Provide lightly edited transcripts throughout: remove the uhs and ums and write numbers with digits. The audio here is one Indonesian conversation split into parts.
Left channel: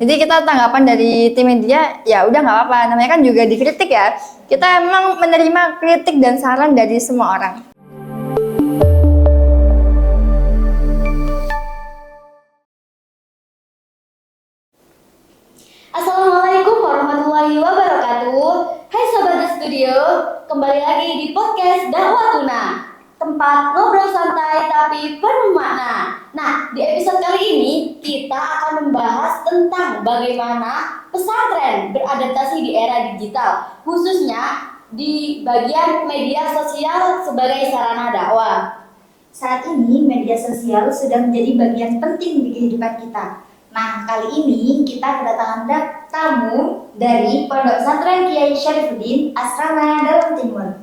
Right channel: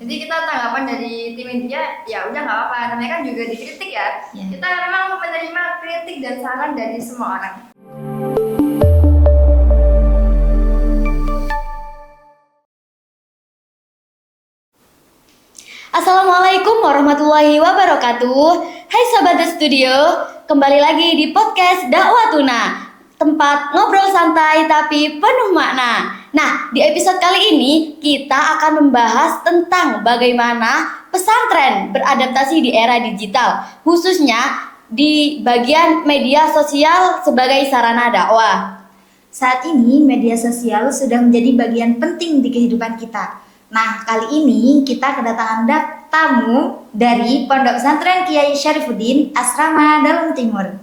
Jadi kita tanggapan dari tim media, ya udah nggak apa-apa. Namanya kan juga dikritik ya. Kita memang menerima kritik dan saran dari semua orang. Assalamualaikum warahmatullahi wabarakatuh. Hai Sobat The Studio, kembali lagi di podcast Dakwah Tuna, tempat ngobrol santai tapi penuh makna. Nah, di episode kali ini kita akan membahas tentang bagaimana pesantren beradaptasi di era digital, khususnya di bagian media sosial sebagai sarana dakwah. Saat ini media sosial sudah menjadi bagian penting di kehidupan kita. Nah, kali ini kita kedatangan tamu dari Pondok Pesantren Kiai Syarifuddin Asrama Dalam Timur.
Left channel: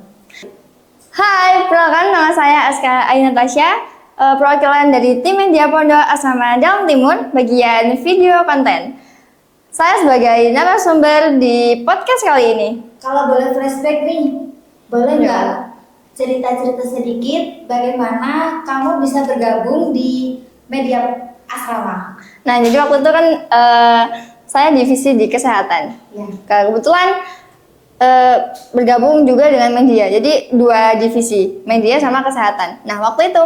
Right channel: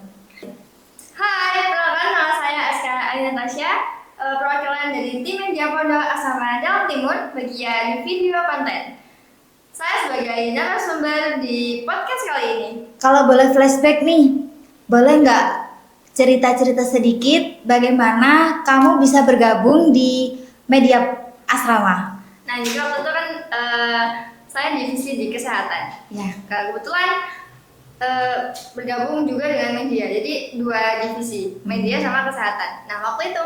Hai, perkenalkan nama saya Aska Ayu Natasha, perwakilan dari tim media Pondok Asrama Dalam Timur, bagian video konten. Saya sebagai narasumber di podcast kali ini. Kalau boleh flashback nih, boleh nggak cerita-cerita sedikit bagaimana kamu bisa bergabung di media asrama? Nah, jadi waktu itu kan saya divisi di kesehatan. Ya. Kebetulan bergabung juga dengan media. Jadi dua divisi, media sama kesehatan. Nah, waktu itu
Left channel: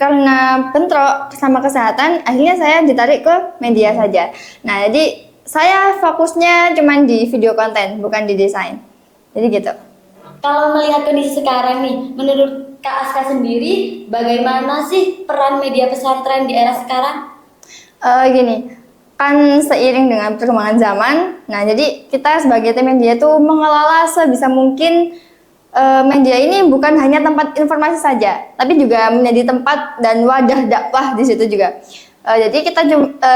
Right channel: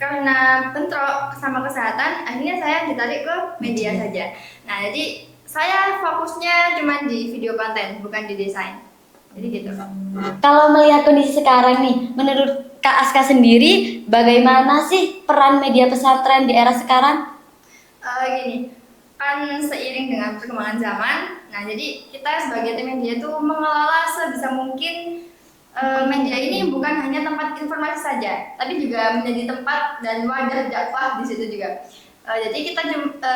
karena bentrok sama kesehatan, akhirnya saya ditarik ke media saja. Nah, jadi saya fokusnya cuma di video konten, bukan di desain. Jadi gitu. Kalau melihat kondisi sekarang nih, menurut Kak Aska sendiri, bagaimana sih peran media pesantren di era sekarang? Gini, kan seiring dengan perkembangan zaman, nah jadi kita sebagai tim media tuh mengelola sebisa mungkin media ini bukan hanya tempat informasi saja, tapi juga menjadi tempat dan wadah dakwah di situ juga. Jadi kita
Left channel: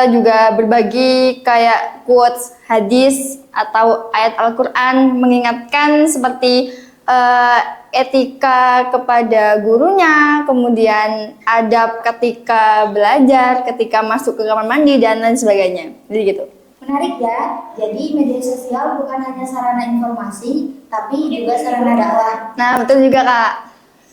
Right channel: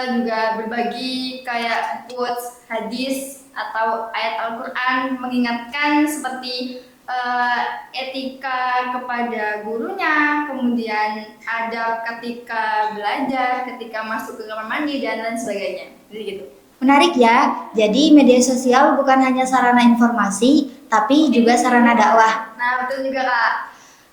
juga berbagi kayak quotes, hadis, atau ayat Al-Quran mengingatkan seperti etika kepada gurunya, kemudian adab ketika belajar, ketika masuk ke kamar mandi, dan lain sebagainya. Jadi gitu. Menarik ya, jadi media sosial bukan hanya sarana informasi, tapi juga sarana dakwah. Nah, betul juga Kak.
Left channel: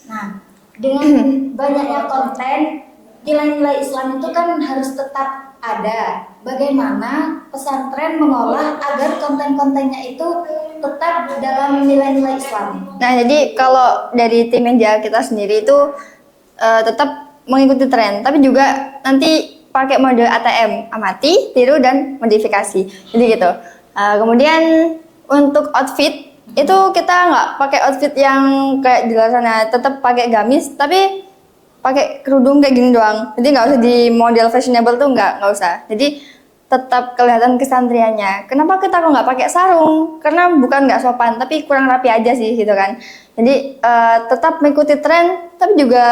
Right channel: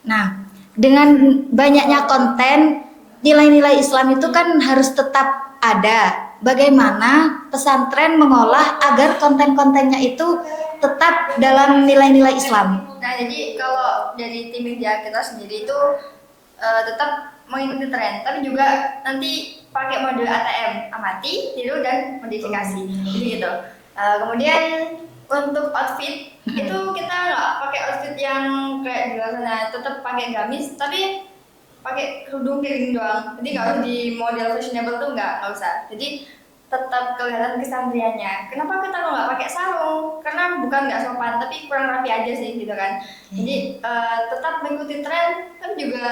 Nah, dengan banyaknya konten, nilai-nilai Islam itu kan harus tetap ada. Bagaimana pesantren mengolah agar konten-kontennya itu tetap dalam nilai-nilai Islam? Nah, jadi kalau dari tim media kita sendiri itu tetap mengikuti tren, tapi juga nanti pakai mode ATM, amati, tiru, dan modifikasi. Jadi gitu. Kemudian untuk outfit itu kita nggak pakai outfit yang kayak di luar sana, tetap pakai gamis, tapi pakai kerudung kayak gini doang. Jadi nggak usah di model fashionable tuh nggak usah. Jadi tetap kelihatan kesantriannya. Kenapa kita kok nggak pakai sarung? Karena bukan nggak sopan, tapi kurang rapi aja sih gitu kan. Jadi tetap mengikuti tren, tapi juga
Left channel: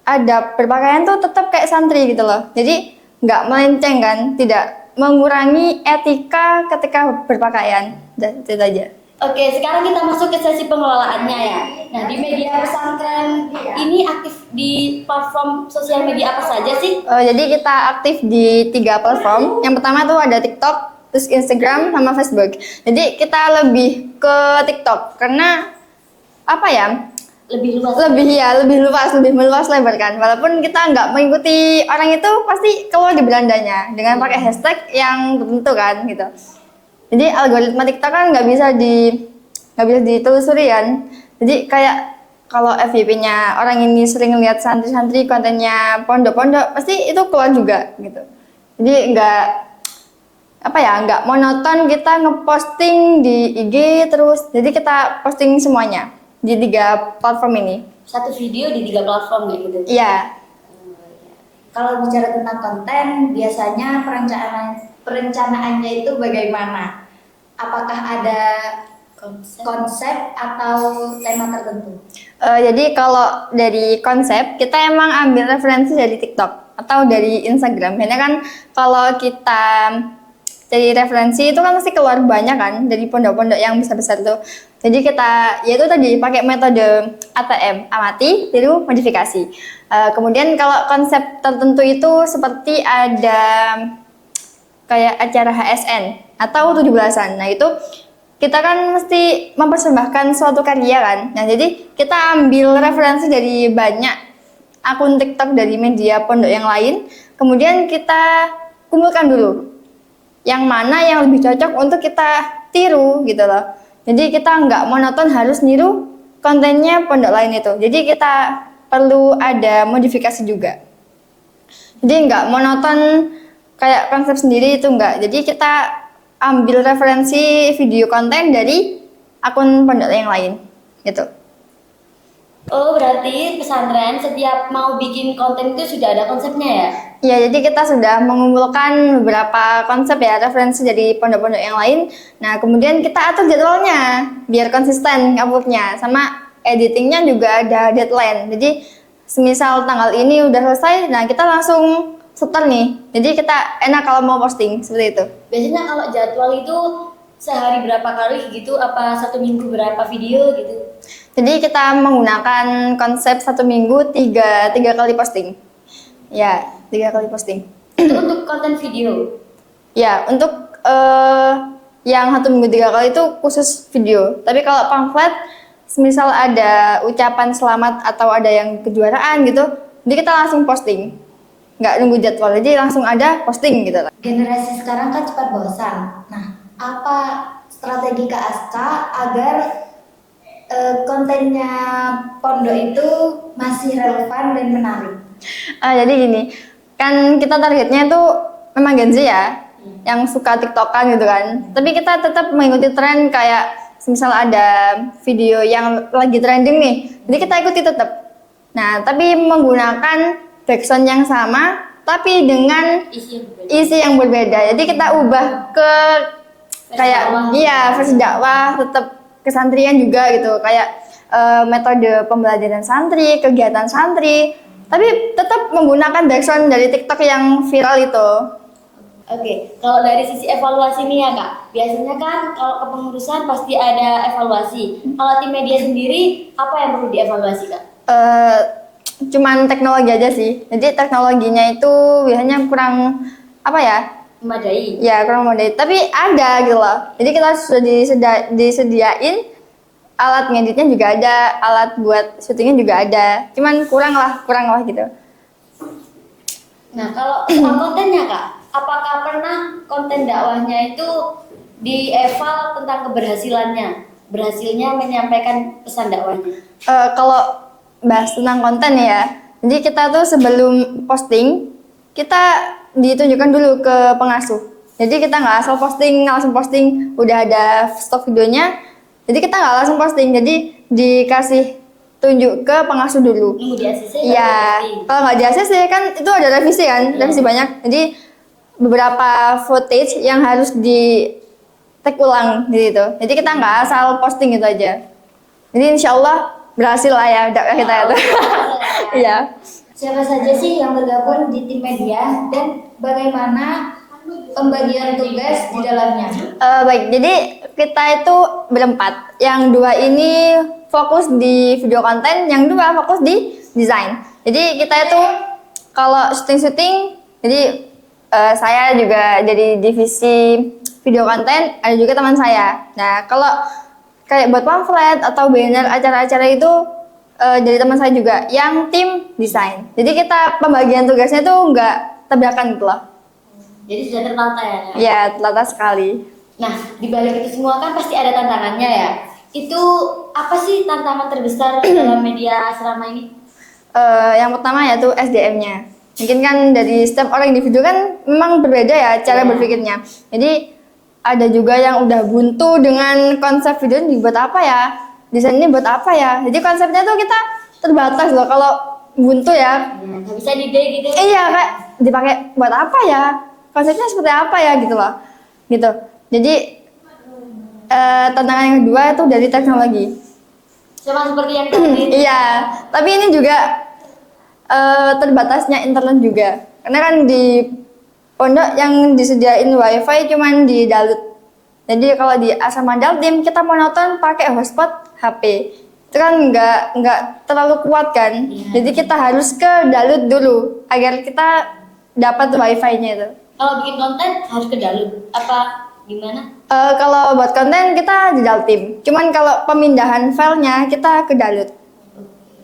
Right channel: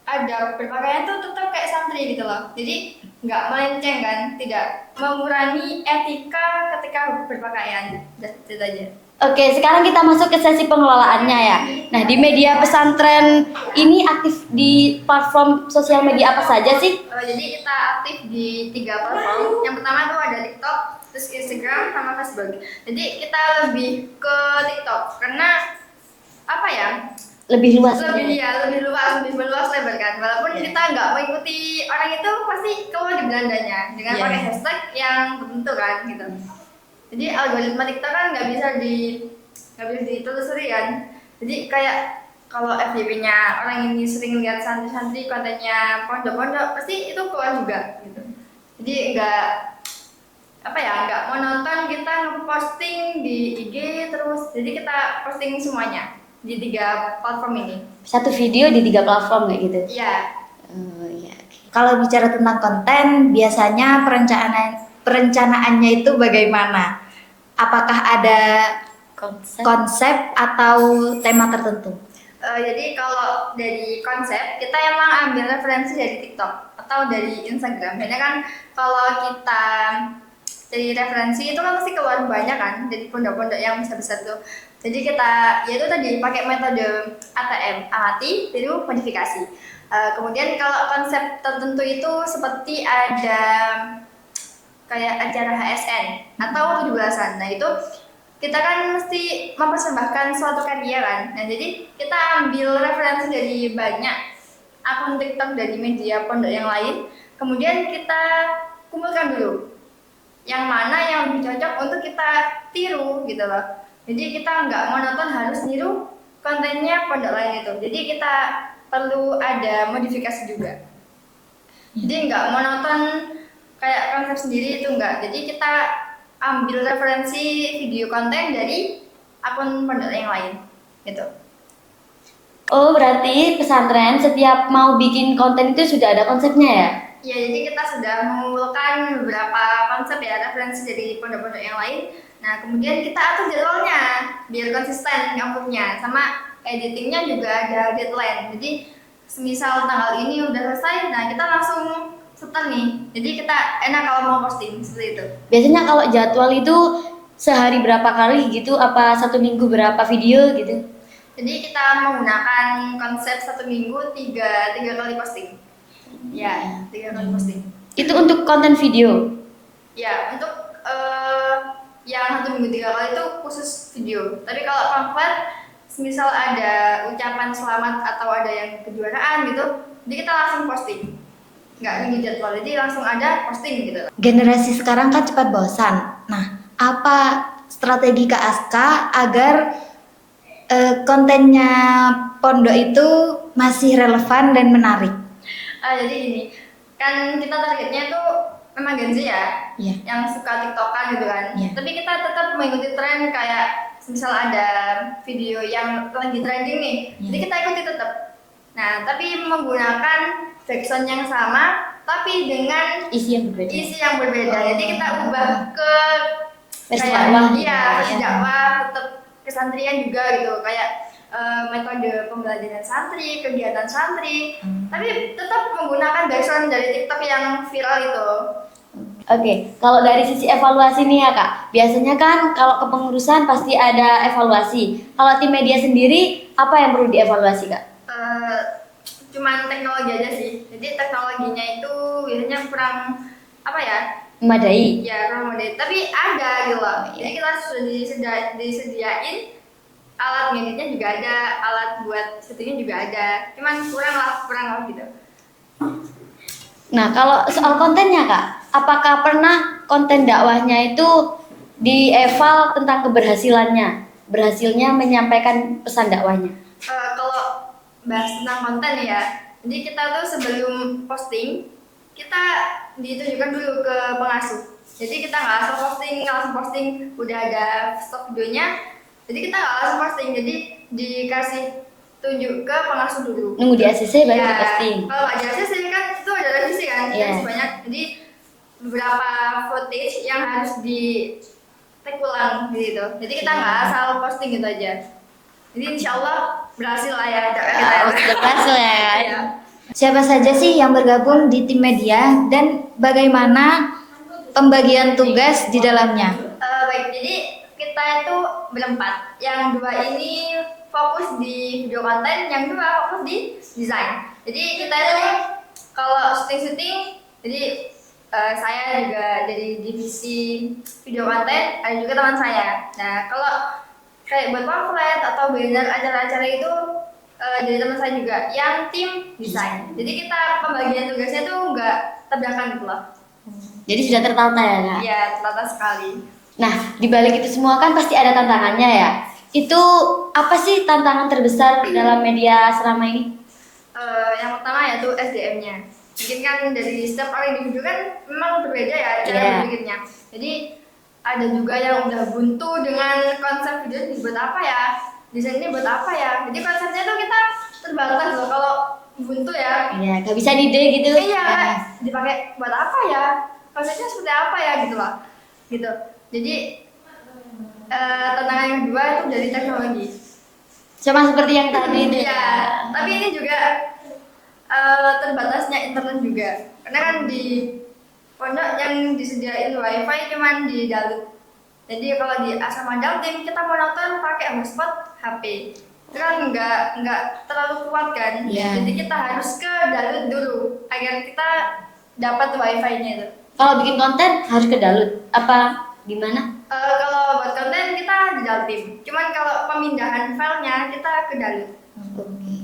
ada berpakaian tuh tetap kayak santri gitu loh. Jadi nggak melenceng kan, tidak mengurangi etika ketika berpakaian. Dan itu aja. Oke, sekarang kita masuk ke sesi pengelolaannya ya. Nah, di media pesantren ini aktif di platform sosial media apa saja sih? Jadi kita aktif di 3 platform. Yang pertama tuh ada TikTok, terus Instagram, sama Facebook. Jadi kita lebih ke TikTok karena apa ya? Lebih luas. Lebih meluas lebar kan. Walaupun kita nggak mengikuti orang itu, pasti keluar di berandanya dengan pakai hashtag yang tertentu kan gitu. Jadi algoritma TikTok kan nggak bisa ditelusuri kan. Jadi kayak kalau FYP-nya orang ini sering lihat santri-santri kontennya pondok-pondok, pasti itu keluar juga gitu. Jadi nggak monoton kita ngeposting di IG terus. Jadi kita posting semuanya di 3 platform ini. Satu video di 3 platform kayak gitu? Iya. Kalau bicara tentang konten, biasanya perencanaannya itu bagaimana? Apakah ada konsep atau tema tertentu? Jadi kalau dari konsep, kita emang ambil referensi dari TikTok atau dari Instagram. Karena kan kalau kita dari referensi itu kan pasti keluar banyak kan dari pondok-pondok yang besar-besar tuh. Jadi kita yaitu tadi pakai metode ATM, amati, tiru, modifikasi. Kemudian kalau konsep tertentu itu seperti ada kayak acara HSN atau 17-an. Nah, itu kita kan mesti mempersembahkan suatu karya kan. Nah, jadi kita ambil referensi dari banyak akun TikTok dari media pondok yang lain, kemudian kita kumpulkan dulu yang mana yang lebih cocok untuk kita tiru gitu loh. Jadi kita nggak monoton harus niru kontennya pondok lain itu. Jadi kita perlu ada modifikasi juga. Jadi nggak monoton kayak konsep sendiri itu enggak. Jadi kita ambil referensi video konten dari akun pondok yang lain gitu. Oh, berarti pesantren setiap mau bikin konten itu sudah ada konsepnya ya? Ya, jadi kita sudah mengumpulkan beberapa konsep ya, referensi dari pondok-pondok yang lain. Nah, kemudian kita atur jadwalnya biar konsisten uploadnya, sama editingnya juga ada deadline. Jadi, semisal tanggal ini udah selesai, nah kita langsung setel nih. Jadi kita enak kalau mau posting seperti itu. Biasanya kalau jadwal itu sehari berapa kali gitu? Apa satu minggu berapa video gitu? Jadi kita menggunakan konsep satu minggu tiga kali posting. Ya, 3 kali posting. Itu untuk konten video? Ya, untuk yang satu minggu 3 kali itu khusus video. Tapi kalau pamflet, semisal ada ucapan selamat atau ada yang kejuaraan gitu, jadi kita langsung posting. Nggak nunggu jadwal, jadi langsung ada posting gitu. Generasi sekarang kan cepat bosan. Nah, apa strategi Kak Aska agar kontennya pondok itu masih relevan dan menarik? Jadi gini, kan kita targetnya tuh memang Gen Z ya, Iya. yang suka TikTokan gitu kan. Iya. Tapi kita tetap mengikuti tren kayak misal ada video yang lagi trending nih, jadi kita ikuti tetap. Nah, tapi menggunakan backsound yang sama, tapi dengan isi yang berbeda. Jadi kita ubah ke Versi kayak dakwah. versi dakwah, tetap kesantrian juga gitu, kayak metode pembelajaran santri, kegiatan santri, tapi tetap menggunakan backsound dari TikTok yang viral itu. Oke, kalau dari sisi evaluasi nih ya Kak, biasanya kan kalau kepengurusan pasti ada evaluasi. Kalau tim media sendiri, apa yang perlu dievaluasi Kak? Cuman teknologi aja sih. Jadi teknologinya itu biasanya kurang apa ya? Memadai. Ya kurang memadai. Tapi ada gitu loh. Jadi kita sudah disediain alat ngeditnya juga ada, alat buat syutingnya juga ada. Cuman kurang lah gitu. Nah, kalau soal kontennya Kak, apakah pernah konten dakwahnya itu dieval tentang keberhasilannya? Berhasilnya menyampaikan pesan dakwahnya? Kalau bahas tentang konten ya, jadi kita tuh sebelum posting kita ditunjukkan dulu ke pengasuh. Jadi kita nggak asal posting, langsung posting, udah ada stok videonya. Jadi kita nggak langsung posting, jadi dikasih tunjuk ke pengasuh dulu. Nunggu di ACC baru Iya, posting. kalau nggak di ACC kan itu ada revisi kan, Iya. revisi banyak. Jadi beberapa footage yang harus di take ulang gitu. Jadi kita nggak asal posting gitu aja. Jadi insya Allah berhasil lah ya dakwah kita itu. Berhasil ya. Iya. Siapa saja sih yang bergabung di tim media dan bagaimana pembagian tugas di dalamnya? Baik, jadi kita itu berempat. Yang 2 ini fokus di video konten, yang 2 fokus di desain. Jadi kita itu kalau syuting-syuting, jadi saya juga jadi divisi video konten, ada juga teman saya. Nah, kalau kayak buat pamflet atau banner acara-acara itu dari teman saya juga yang tim desain. Jadi kita pembagian tugasnya tuh nggak tabrakan gitu loh. Jadi sudah tertata ya Kak? Ya, ternyata sekali. Nah, di balik itu semua kan pasti ada tantangannya ya. Itu apa sih tantangan terbesar dalam media selama ini? Yang pertama yaitu SDM-nya. Mungkin kan dari setiap orang individu kan memang berbeda ya cara Iya. berpikirnya. Jadi ada juga yang udah buntu dengan konsep video ini buat apa ya? Desain ini buat apa ya? Jadi konsepnya tuh kita terbatas loh kalau buntu ya. Iya, nggak bisa di-ide gitu. Iya, Kak. Dipakai buat apa ya? Konsepnya seperti apa ya gitu loh. Gitu. Jadi tantangan yang kedua itu dari teknologi. Sama seperti yang tadi. Iya, tapi ini juga terbatasnya internet juga. Karena kan di pondok yang disediain wifi cuman di Dalut. Jadi kalau di asrama Daltim kita mau nonton pakai hotspot HP. Itu kan nggak terlalu kuat kan. Iya. Jadi kita harus ke Dalut dulu agar kita dapat wifi-nya itu. Kalau bikin konten harus ke Dalut. Apa gimana? Kalau buat konten kita di Daltim. Cuman kalau pemindahan filenya kita ke Dalut.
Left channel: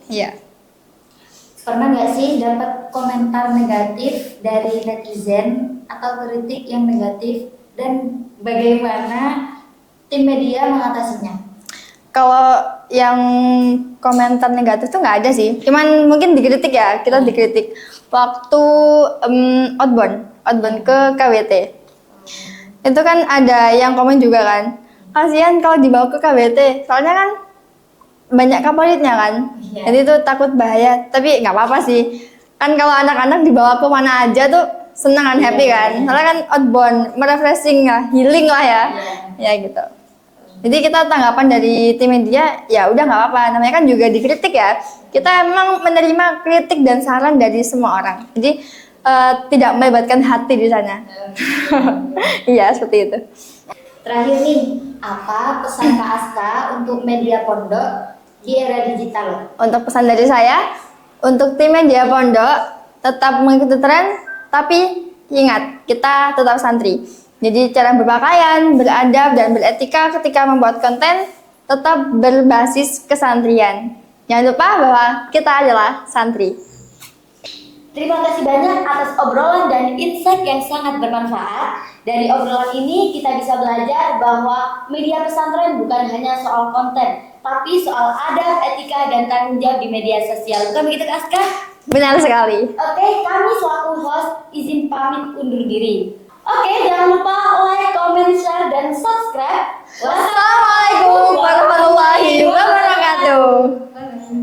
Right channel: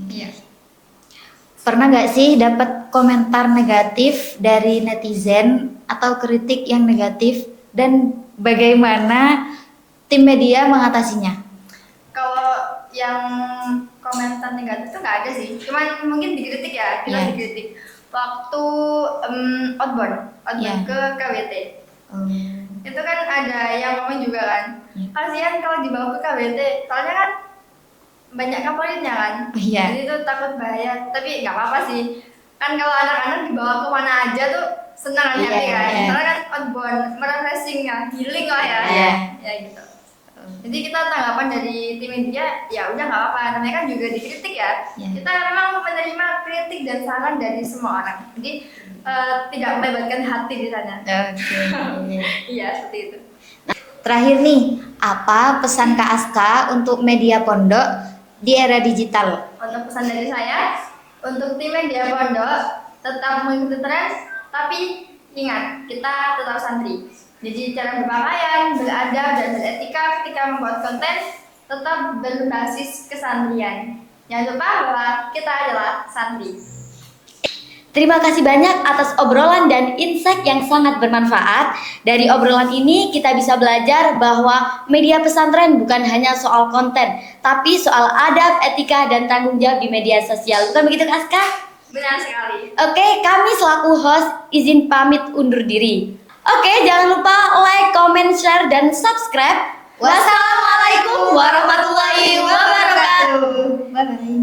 Iya. Pernah nggak sih dapat komentar negatif dari netizen atau kritik yang negatif dan bagaimana tim media mengatasinya? Kalau yang komentar negatif tuh nggak ada sih. Cuman mungkin dikritik ya, kita Iya. dikritik waktu outbound Iya. ke KWT. Itu kan ada yang komen juga kan. Kasihan kalau dibawa ke KWT, soalnya kan banyak kaporitnya kan. Iya. Jadi tuh takut bahaya, tapi nggak apa-apa sih. Kan kalau anak-anak dibawa ke mana aja tuh senang kan, Iya, happy kan. iya. Soalnya kan outbound, merefreshing lah, healing lah ya. Iya. Ya gitu. Jadi kita tanggapan dari tim media, ya udah nggak apa-apa. Namanya kan juga dikritik ya. Iya. Kita emang menerima kritik dan saran dari semua orang. Jadi tidak melibatkan hati di sana. Iya seperti itu. Terakhir nih, apa pesan Kak Aska untuk media pondok di era digital? Untuk pesan dari saya, untuk tim media pondok tetap mengikuti tren, tapi ingat kita tetap santri. Jadi cara berpakaian, beradab dan beretika ketika membuat konten tetap berbasis kesantrian. Jangan lupa bahwa kita adalah santri. Terima kasih banyak atas obrolan dan insight yang sangat bermanfaat. Dari obrolan ini kita bisa belajar bahwa media pesantren bukan hanya soal konten, tapi soal adab, etika, dan tanggung jawab di media sosial. Bukan begitu, Kak Aska? Benar sekali. Oke, kami selaku host izin pamit undur diri. Oke, jangan lupa like, comment, share, dan subscribe. Wassalamualaikum warahmatullahi wabarakatuh. Bye-bye.